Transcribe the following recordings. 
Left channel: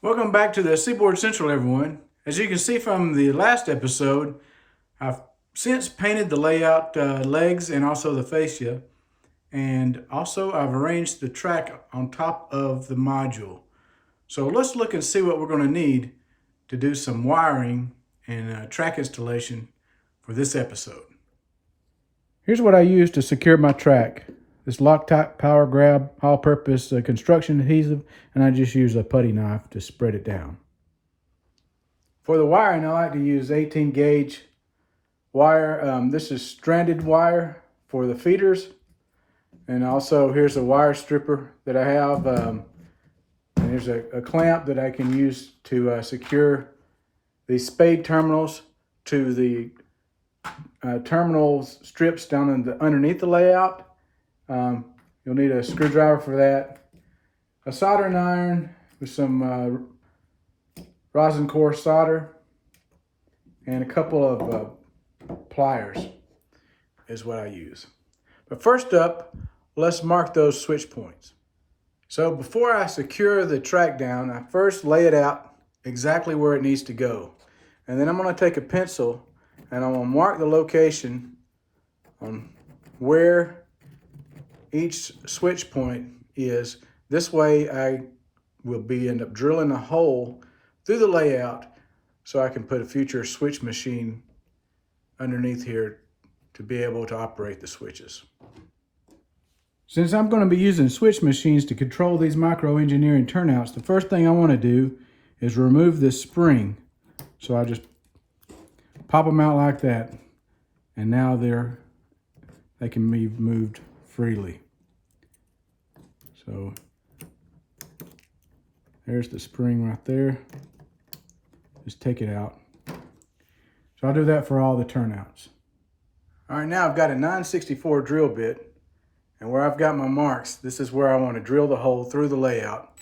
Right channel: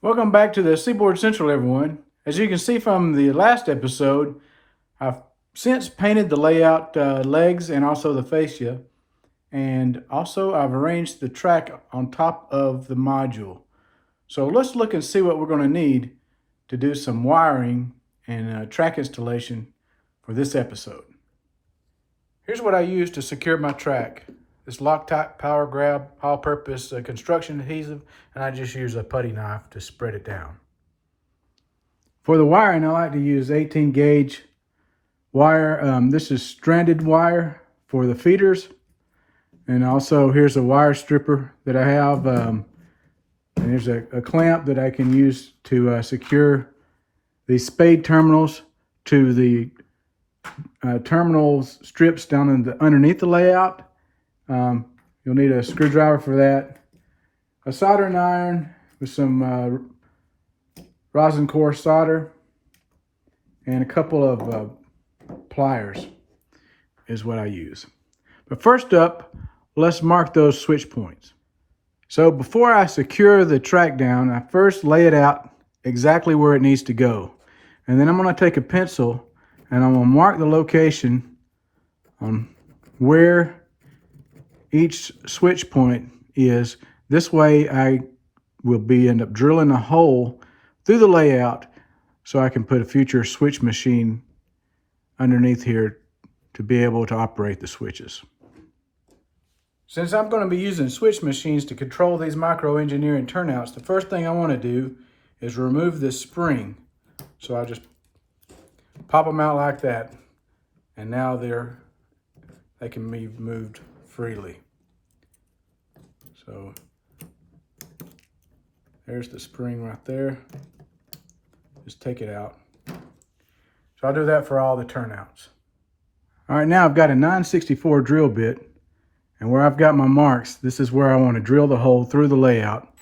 Welcome back to the Seaboard Central, everyone. As you can see from the last episode, I've since painted the layout legs and also the fascia, and also I've arranged the track on top of the module. So let's look and see what we're going to need to do some wiring and track installation for this episode. Here's what I use to secure my track. This Loctite Power Grab all-purpose construction adhesive, and I just use a putty knife to spread it down. For the wiring, I like to use 18 gauge wire. This is stranded wire for the feeders, and also here's a wire stripper that I have. And there's a clamp that I can use to secure these spade terminals to the terminal strips down underneath the layout. You'll need a screwdriver for that, a soldering iron with some rosin core solder, and a couple of pliers is what I use. But first up, let's mark those switch points. So before I secure the track down, I first lay it out exactly where it needs to go. And then I'm going to take a pencil and I'm going to mark the location on where each switch point is. This way I will end up drilling a hole through the layout so I can put a future switch machine underneath here to be able to operate the switches. Since I'm going to be using switch machines to control these micro engineering turnouts, the first thing I want to do is remove this spring. So I'll just pop them out like that, and now they can be moved freely. So there's the spring right there. Just take it out. So I'll do that for all the turnouts. All right, now I've got a 9/64 drill bit, and where I've got my marks, this is where I want to drill the hole through the layout.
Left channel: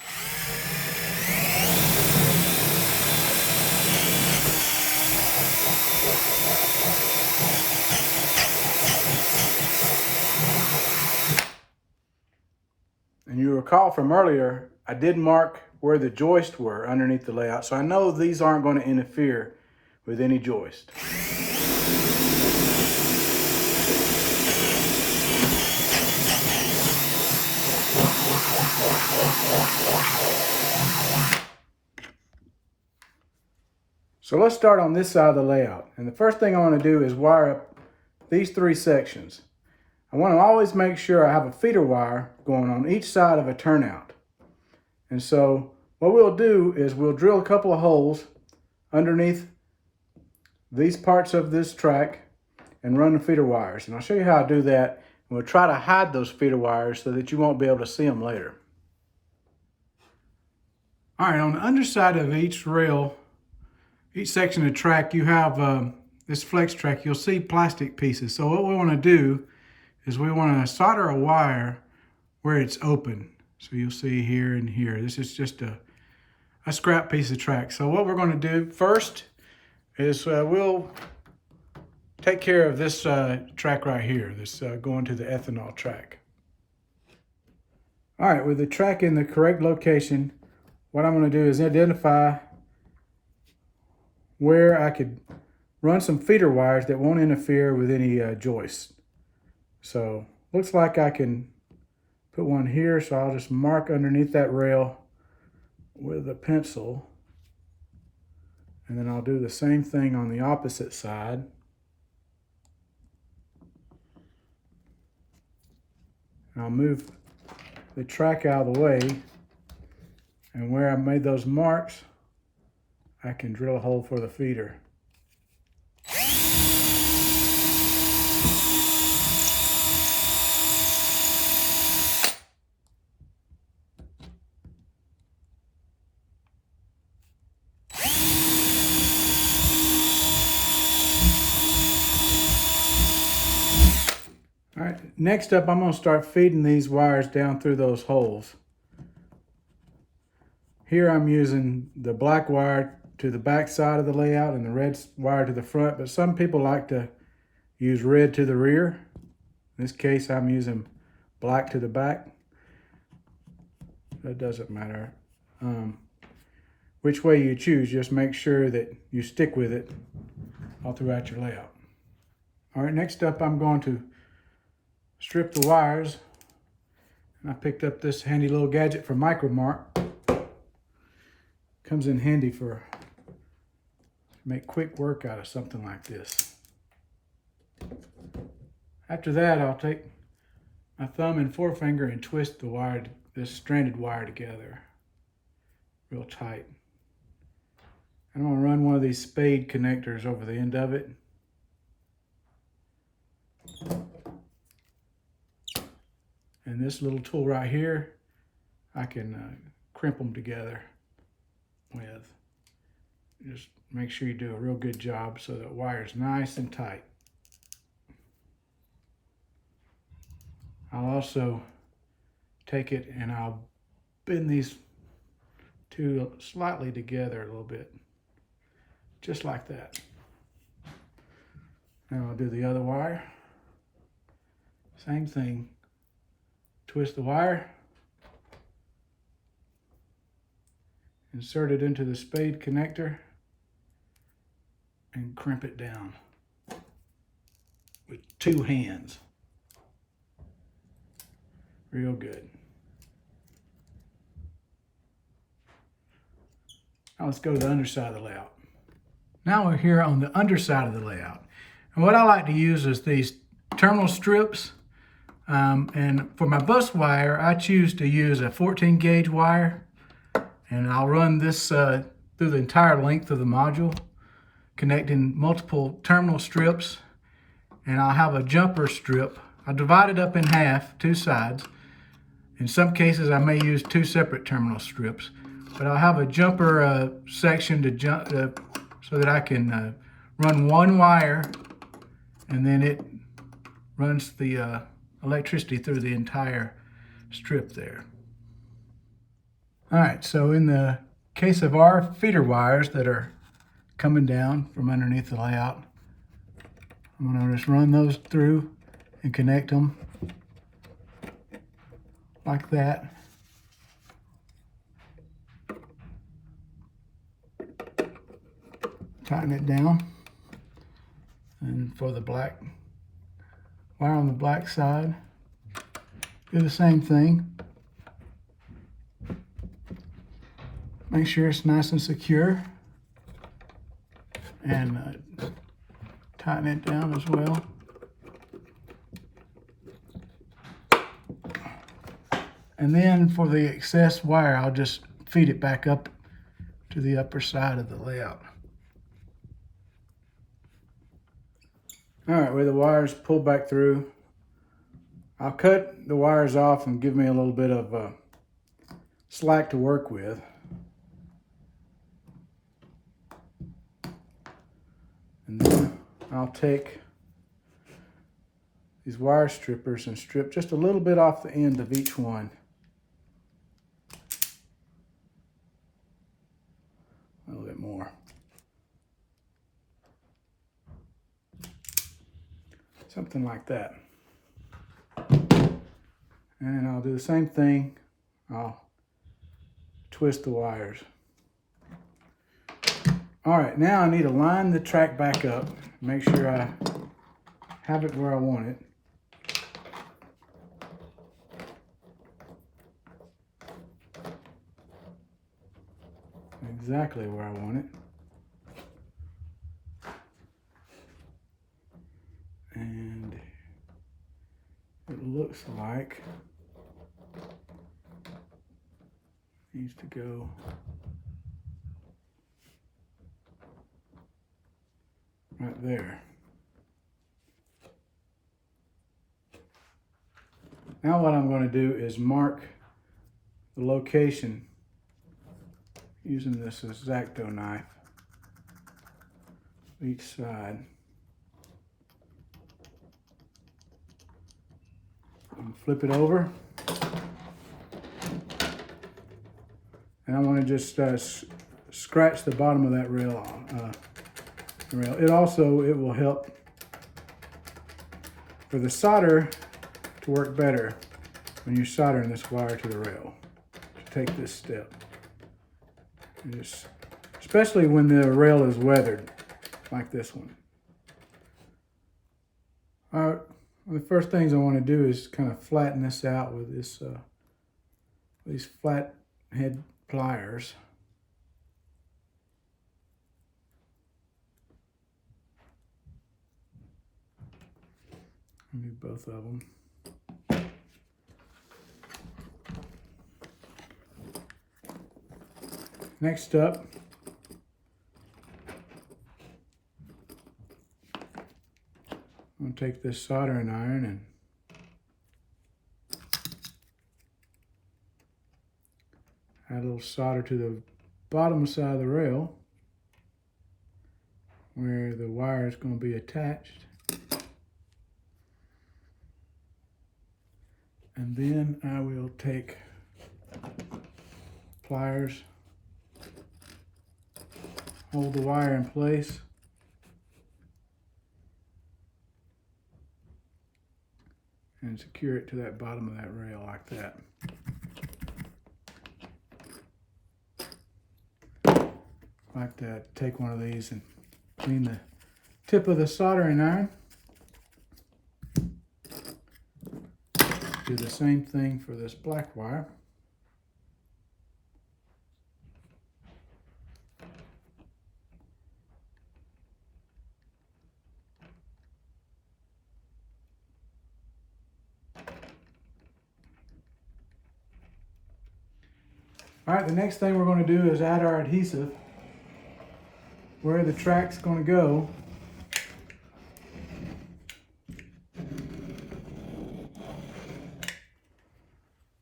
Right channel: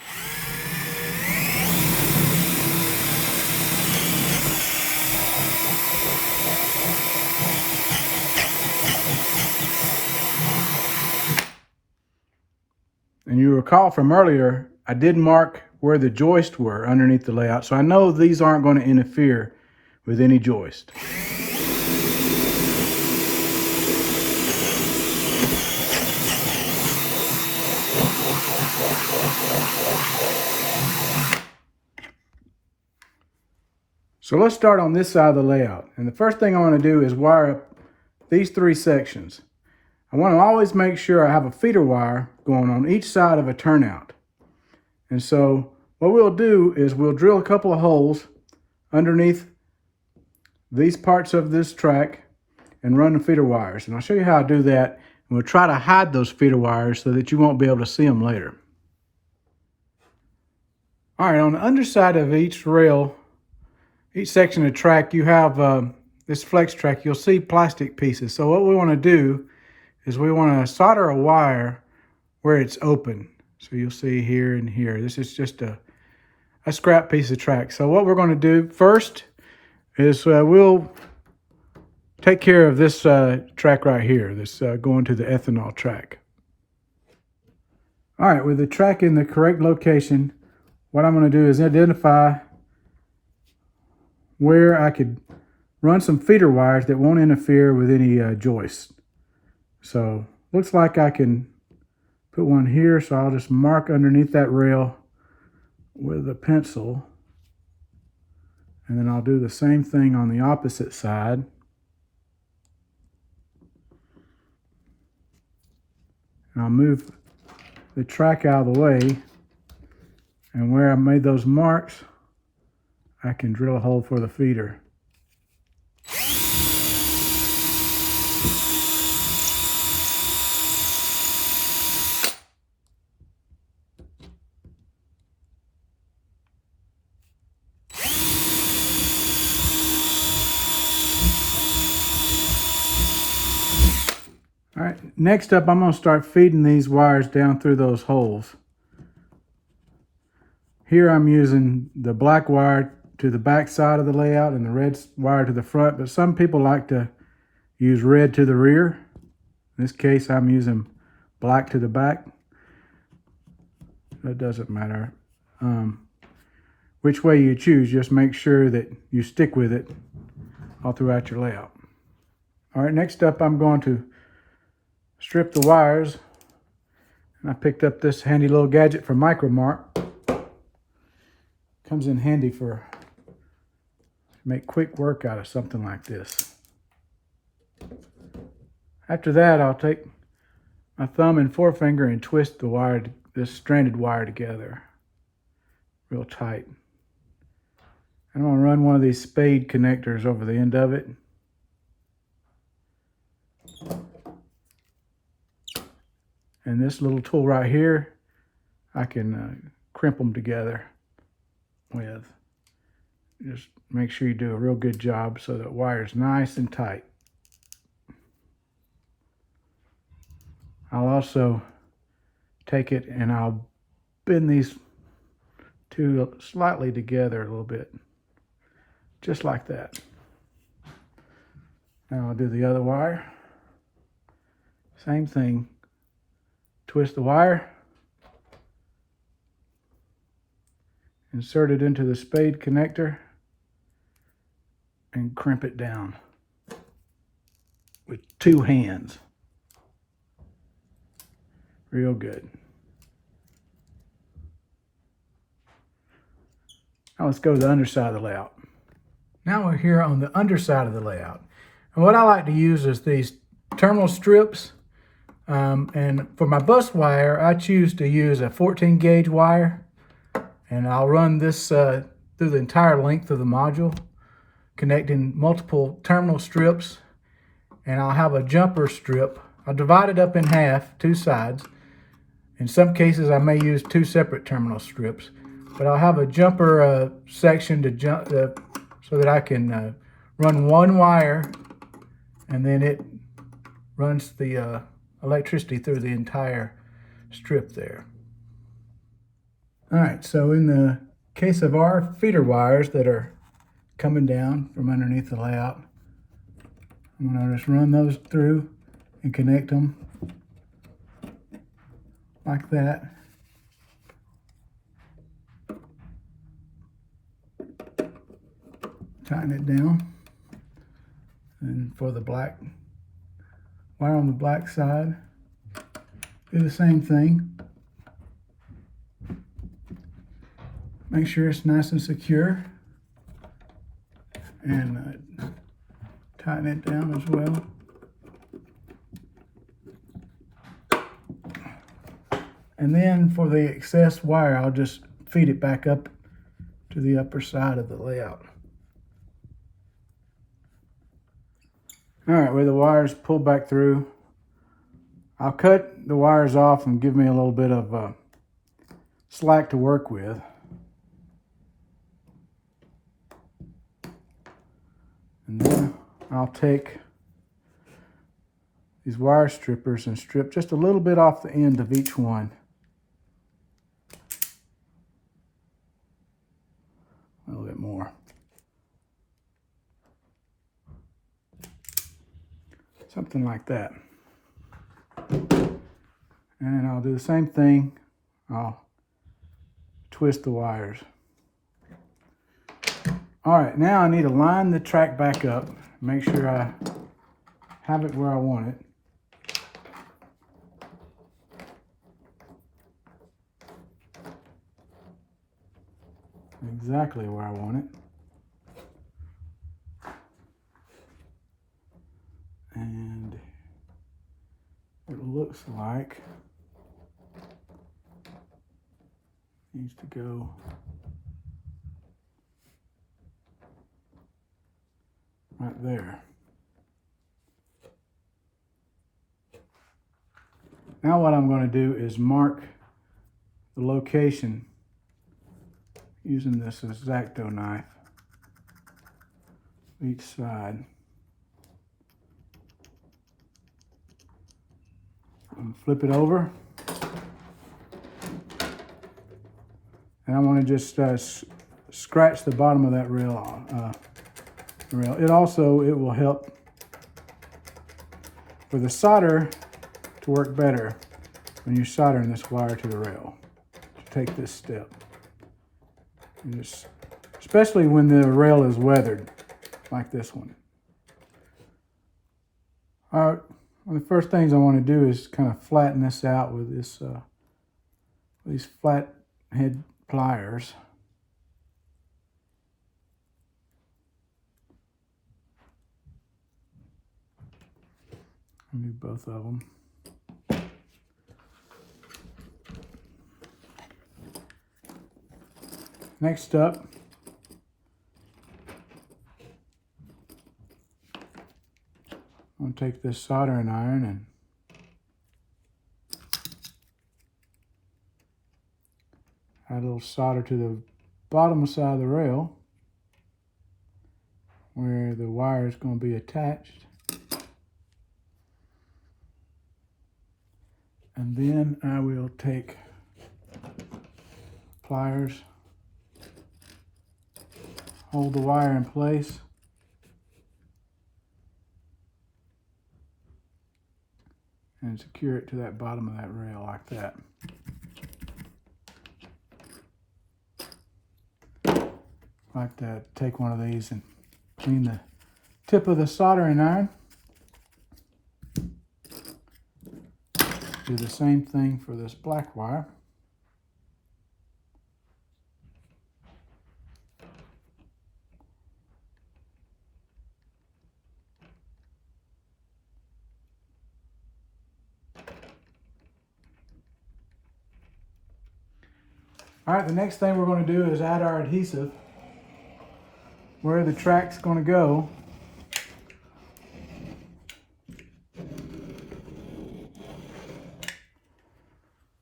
And you recall from earlier, I did mark where the joists were underneath the layout, so I know these aren't going to interfere with any joist. So let's start on this side of the layout. And the first thing I want to do is wire up these three sections. I want to always make sure I have a feeder wire going on each side of a turnout. And so what we'll do is we'll drill a couple of holes underneath these parts of this track and run the feeder wires. And I'll show you how I do that. And we'll try to hide those feeder wires so that you won't be able to see them later. All right, on the underside of each rail, each section of track, you have this flex track. You'll see plastic pieces. So what we want to do is we want to solder a wire where it's open. So you'll see here and here. This is just a scrap piece of track. So what we're going to do first is we'll take care of this track right here, this going to the ethanol track. All right, with the track in the correct location, what I'm going to do is identify where I could run some feeder wires that won't interfere with any joists. So looks like I can put one here, so I'll just mark underneath that rail with a pencil. And then I'll do the same thing on the opposite side. And I'll move the track out of the way. And where I made those marks, I can drill a hole for the feeder. All right, next up, I'm going to start feeding these wires down through those holes. Here I'm using the black wire to the back side of the layout and the red wire to the front, but some people like to use red to the rear. In this case, I'm using black to the back. It doesn't matter. which way you choose. Just make sure that you stick with it all throughout your layout. All right, next up I'm going to strip the wires. And I picked up this handy little gadget from Micromark. Comes in handy for make quick work out of something like this. After that, I'll take my thumb and forefinger and twist the wire, this stranded wire together real tight. And I'm going to run one of these spade connectors over the end of it. And this little tool right here, I can crimp them together with. Just make sure you do a real good job so that wire's nice and tight. I'll also take it and I'll bend these two slightly together a little bit, just like that. Now I'll do the other wire. Same thing. Twist the wire, insert it into the spade connector, and crimp it down with two hands. Real good. Now let's go to the underside of the layout. Now we're here on the underside of the layout. And what I like to use is these terminal strips. And for my bus wire, I choose to use a 14 gauge wire. And I'll run this through the entire length of the module, connecting multiple terminal strips. And I'll have a jumper strip. I'll divide it up in half, two sides. In some cases, I may use two separate terminal strips. But I'll have a jumper section to jump so that I can run one wire, and then it runs the electricity through the entire strip there. All right, so in the case of our feeder wires that are coming down from underneath the layout, I'm going to just run those through and connect them like that. Tighten it down. And for the black wire on the black side, do the same thing. Make sure it's nice and secure, and tighten it down as well. And then for the excess wire, I'll just feed it back up to the upper side of the layout. All right, with the wires pulled back through, I'll cut the wires off and give me a little bit of slack to work with. And then I'll take these wire strippers and strip just a little bit off the end of each one. A little bit more. Something like that. And I'll do the same thing. I'll twist the wires. All right, now I need to line the track back up. Make sure I have it where I want it. Exactly where I want it. And it looks like it needs to go right there. Now what I'm going to do is mark the location using this X-Acto knife each side. And flip it over. And I'm going to just scratch the bottom of that rail. It will help for the solder to work better when you're soldering this wire to the rail. To take this step. Especially when the rail is weathered, like this one. All right, one of the first things I want to do is kind of flatten this out with this these flat head pliers. I'll do both of them. Next up, I'm going to take this soldering iron and add a little solder to the bottom side of the rail where the wire is going to be attached. And then I will take pliers, hold the wire in place, and secure it to that bottom of that rail like that. Like that, take one of these and clean the tip of the soldering iron. Do the same thing for this black wire. All right, the next thing we're going to do is add our adhesive where the track's going to go.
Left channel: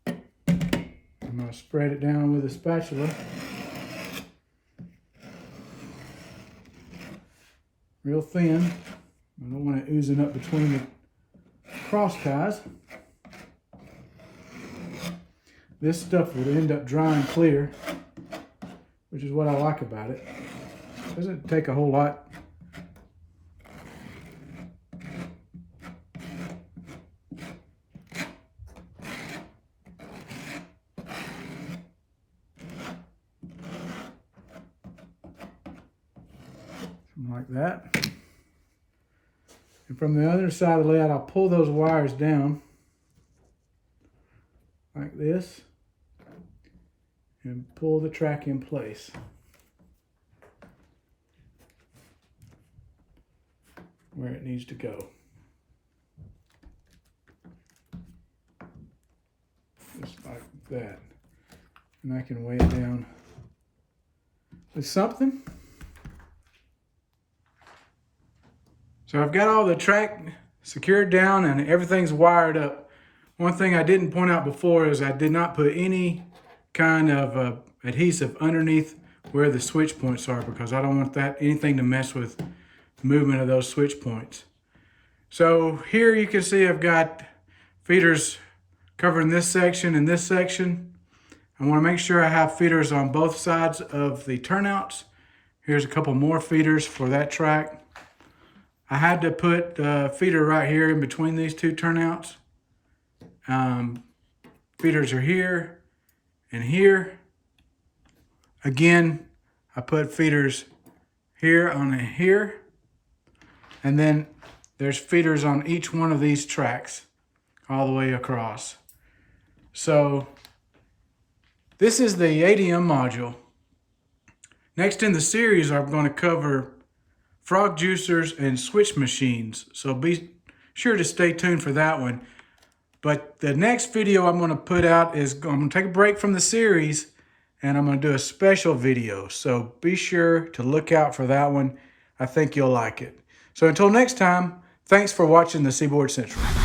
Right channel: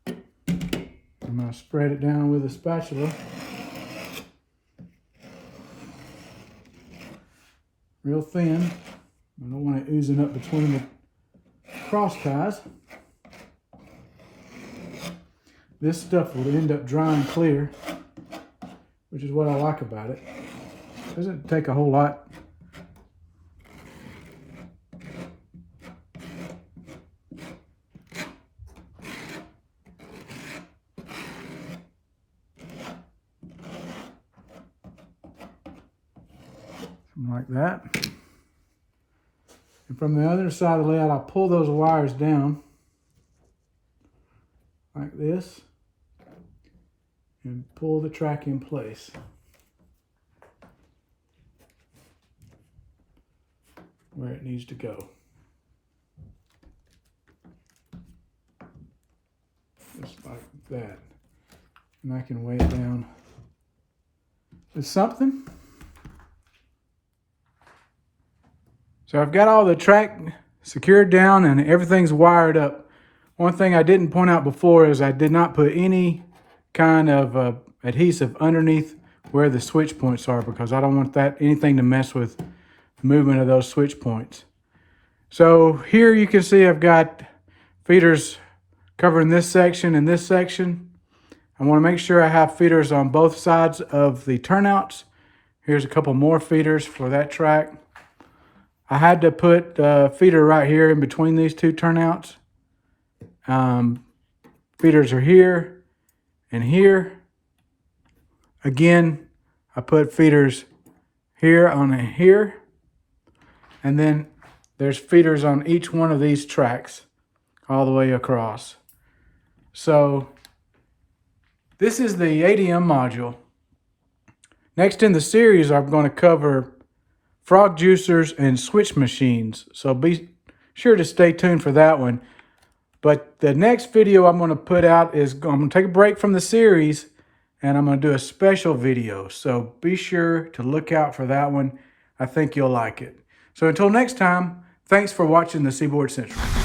I'm going to spread it down with a spatula. Real thin. I don't want it oozing up between the cross ties. This stuff will end up drying clear, which is what I like about it. It doesn't take a whole lot. Something like that. And from the other side of the layout, I'll pull those wires down like this and pull the track in place. Where it needs to go. Just like that. And I can weigh it down with something. So I've got all the track secured down and everything's wired up. One thing I didn't point out before is I did not put any kind of adhesive underneath where the switch points are because I don't want anything to mess with the movement of those switch points. So here you can see I've got feeders covering this section and this section. I want to make sure I have feeders on both sides of the turnouts. Here's a couple more feeders for that track. I had to put the feeder right here in between these two turnouts. Feeders are here and here. Again, I put feeders here on here. And then there's feeders on each one of these tracks all the way across. So this is the ADM module. Next in the series, I'm going to cover frog juicers and switch machines. So be sure to stay tuned for that one. But the next video I'm going to put out is, I'm going to take a break from the series and I'm going to do a special video. So be sure to look out for that one. I think you'll like it. So until next time, thanks for watching the Seaboard Central.